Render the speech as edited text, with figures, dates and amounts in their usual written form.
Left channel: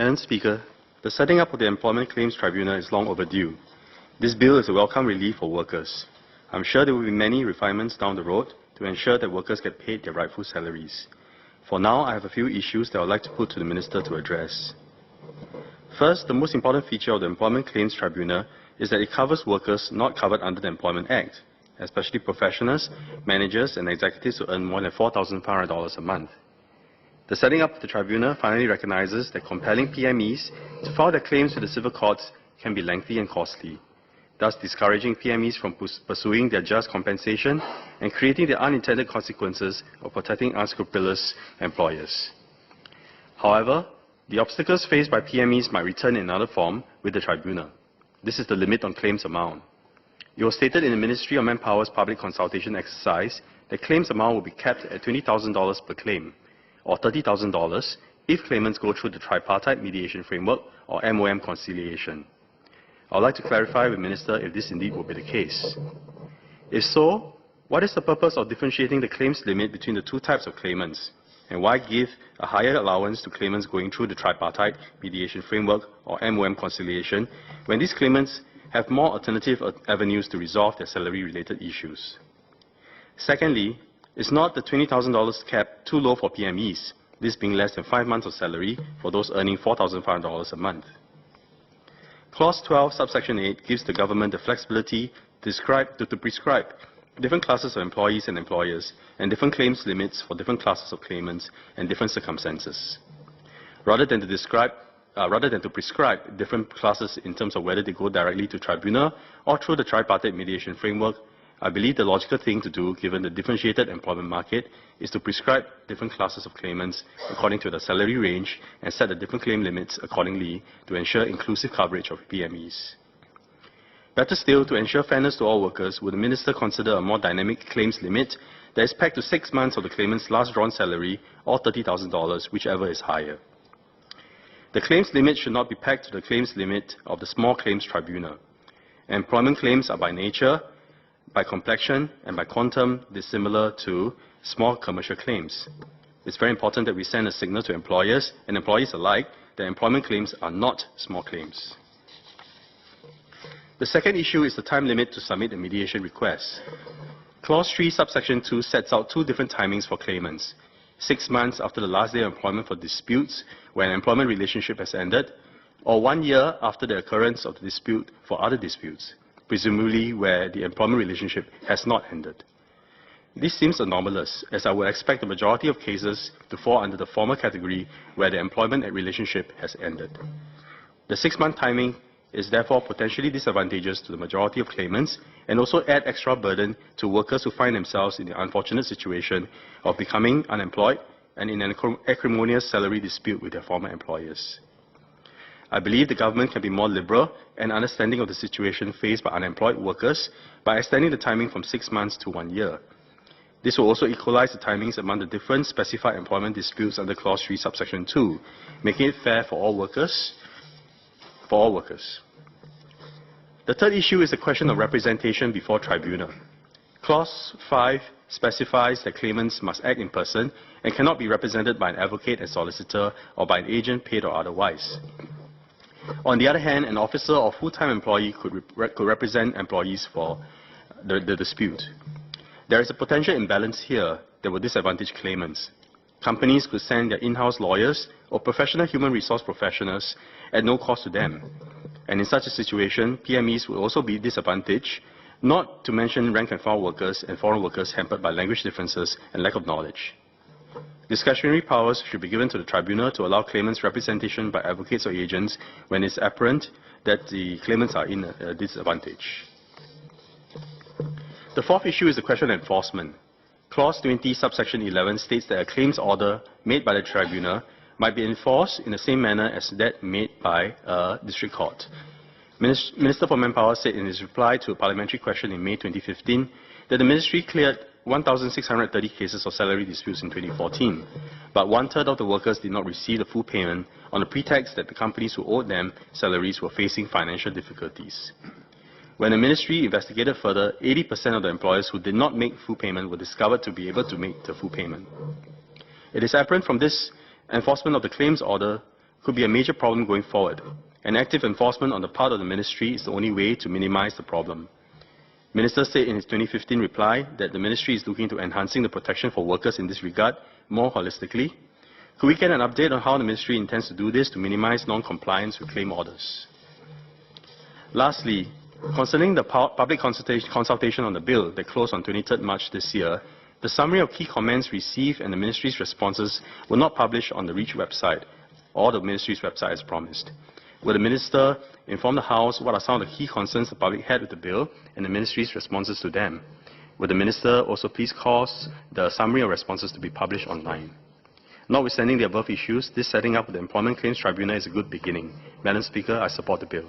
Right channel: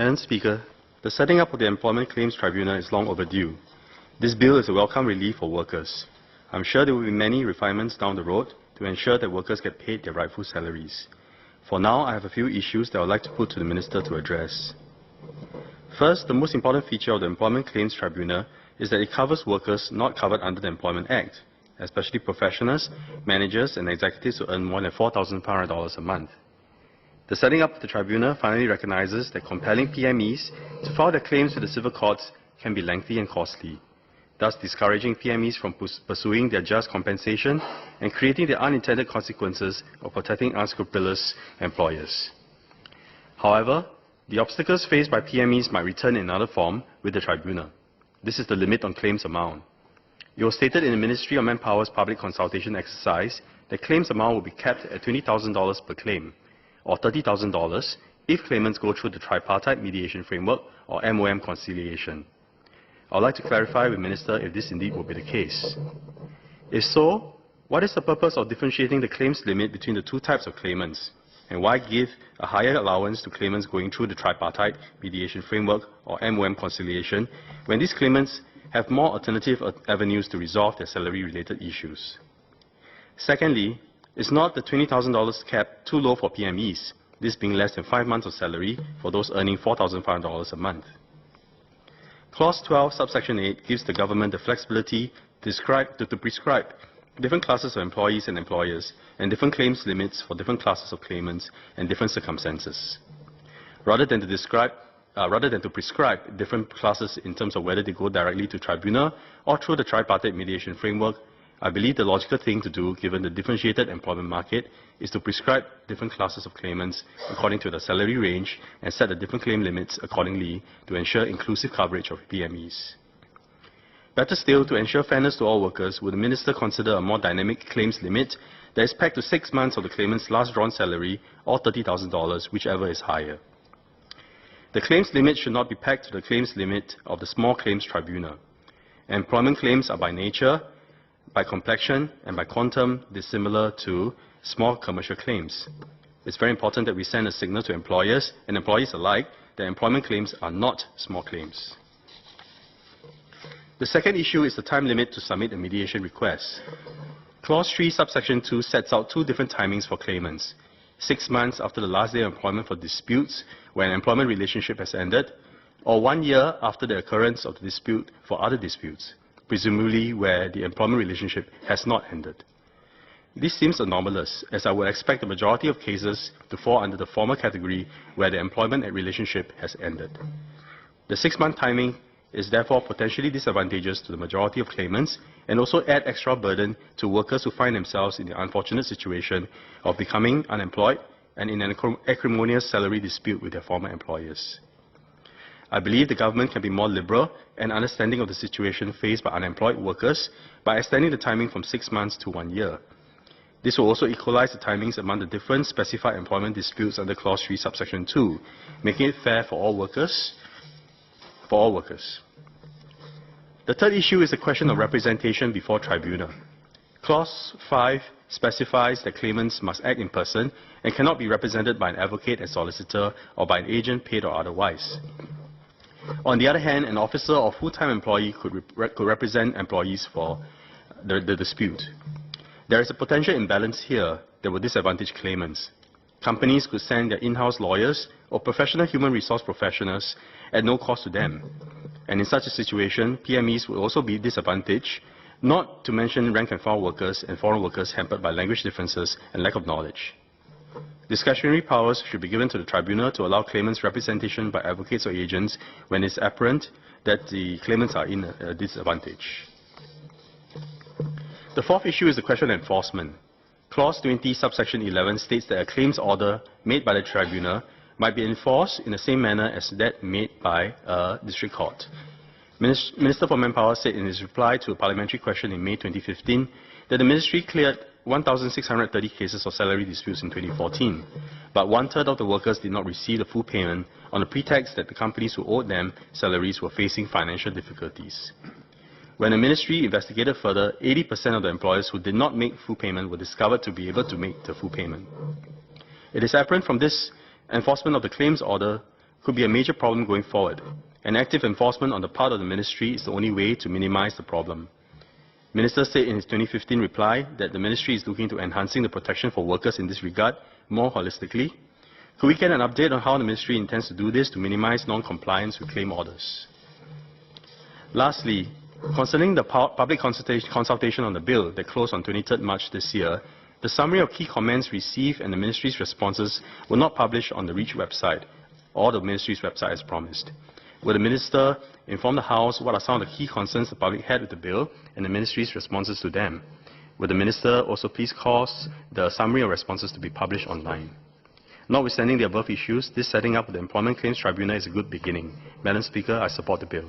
Madam Speaker, the setting up of the Employment Claims Tribunal is long overdue. This bill is a welcome relief for workers. I'm sure there will be many refinements down the road to ensure that workers get paid their rightful salaries. For now, I have a few issues that I would like to put to the Minister to address. First, the most important feature of the Employment Claims Tribunal is that it covers workers not covered under the Employment Act, especially professionals, managers and executives who earn more than $4,500 a month. The setting up of the tribunal finally recognizes that compelling PMEs to file their claims with the civil courts can be lengthy and costly, thus discouraging PMEs from pursuing their just compensation and creating the unintended consequences of protecting unscrupulous employers. However, the obstacles faced by PMEs might return in another form with the tribunal. This is the limit on claims amount. It was stated in the Ministry of Manpower's public consultation exercise that claims amount will be capped at $20,000 per claim, or $30,000 if claimants go through the Tripartite Mediation Framework, or MOM conciliation. I would like to clarify with the Minister if this indeed will be the case. If so, what is the purpose of differentiating the claims limit between the two types of claimants? And why give a higher allowance to claimants going through the Tripartite Mediation Framework, or MOM conciliation, when these claimants have more alternative avenues to resolve their salary-related issues? Secondly, is not the $20,000 cap too low for PMEs, this being less than 5 months of salary for those earning $4,500 a month? Clause 12, subsection 8 gives the government the flexibility to prescribe different classes of employees and employers and different claims limits for different classes of claimants and different circumstances. Rather than to prescribe different classes in terms of whether they go directly to tribunal or through the tripartite mediation framework, I believe the logical thing to do, given the differentiated employment market, is to prescribe different classes of claimants according to the salary range and set the different claim limits accordingly to ensure inclusive coverage of PMEs. Better still, to ensure fairness to all workers, would the Minister consider a more dynamic claims limit that is pegged to 6 months of the claimant's last drawn salary or $30,000, whichever is higher? The claims limit should not be pegged to the claims limit of the Small Claims Tribunal. Employment claims are by nature, by complexion and by quantum dissimilar to small commercial claims. It's very important that we send a signal to employers and employees alike that employment claims are not small claims. The second issue is the time limit to submit a mediation request. Clause 3, subsection 2 sets out two different timings for claimants: 6 months after the last day of employment for disputes when an employment relationship has ended, or 1 year after the occurrence of the dispute for other disputes, presumably where the employment relationship has not ended. This seems anomalous, as I would expect the majority of cases to fall under the former category where the employment relationship has ended. The 6-month timing is therefore potentially disadvantageous to the majority of claimants and also add extra burden to workers who find themselves in the unfortunate situation of becoming unemployed and in an acrimonious salary dispute with their former employers. I believe the government can be more liberal and understanding of the situation faced by unemployed workers by extending the timing from 6 months to 1 year. This will also equalize the timings among the different specified employment disputes under Clause 3, subsection 2, making it fair for all workers. The third issue is the question of representation before tribunal. Clause 5 specifies that claimants must act in person and cannot be represented by an advocate, a solicitor, or by an agent, paid or otherwise. On the other hand, an officer or full-time employee could represent employees for the dispute. There is a potential imbalance here that will disadvantage claimants. Companies could send their in-house lawyers or professional human resource professionals at no cost to them. And in such a situation, PMEs will also be disadvantaged, not to mention rank-and-file workers and foreign workers hampered by language differences and lack of knowledge. Discretionary powers should be given to the tribunal to allow claimants representation by advocates or agents when it's apparent that the claimants are in a disadvantage. The fourth issue is the question of enforcement. Clause 20, subsection 11 states that a claims order made by the tribunal might be enforced in the same manner as that made by a district court. Minister for Manpower said in his reply to a parliamentary question in May 2015 that the ministry cleared 1,630 cases of salary disputes in 2014, but 1/3 of the workers did not receive the full payment on the pretext that the companies who owed them salaries were facing financial difficulties. When the ministry investigated further, 80% of the employers who did not make full payment were discovered to be able to make the full payment. It is apparent from this enforcement of the claims order could be a major problem going forward, and active enforcement on the part of the Ministry is the only way to minimize the problem. Minister said in his 2015 reply that the Ministry is looking to enhancing the protection for workers in this regard more holistically. Could we get an update on how the Ministry intends to do this to minimize non-compliance with claim orders? Lastly, concerning the public consultation on the bill that closed on 23rd March this year, the summary of key comments received and the Ministry's responses were not published on the REACH website or the Ministry's website as promised. Will the Minister inform the House what are some of the key concerns the public had with the bill and the Ministry's responses to them? Will the Minister also please cause the summary of responses to be published online? Notwithstanding the above issues, this setting up of the Employment Claims Tribunal is a good beginning. Madam Speaker, I support the bill.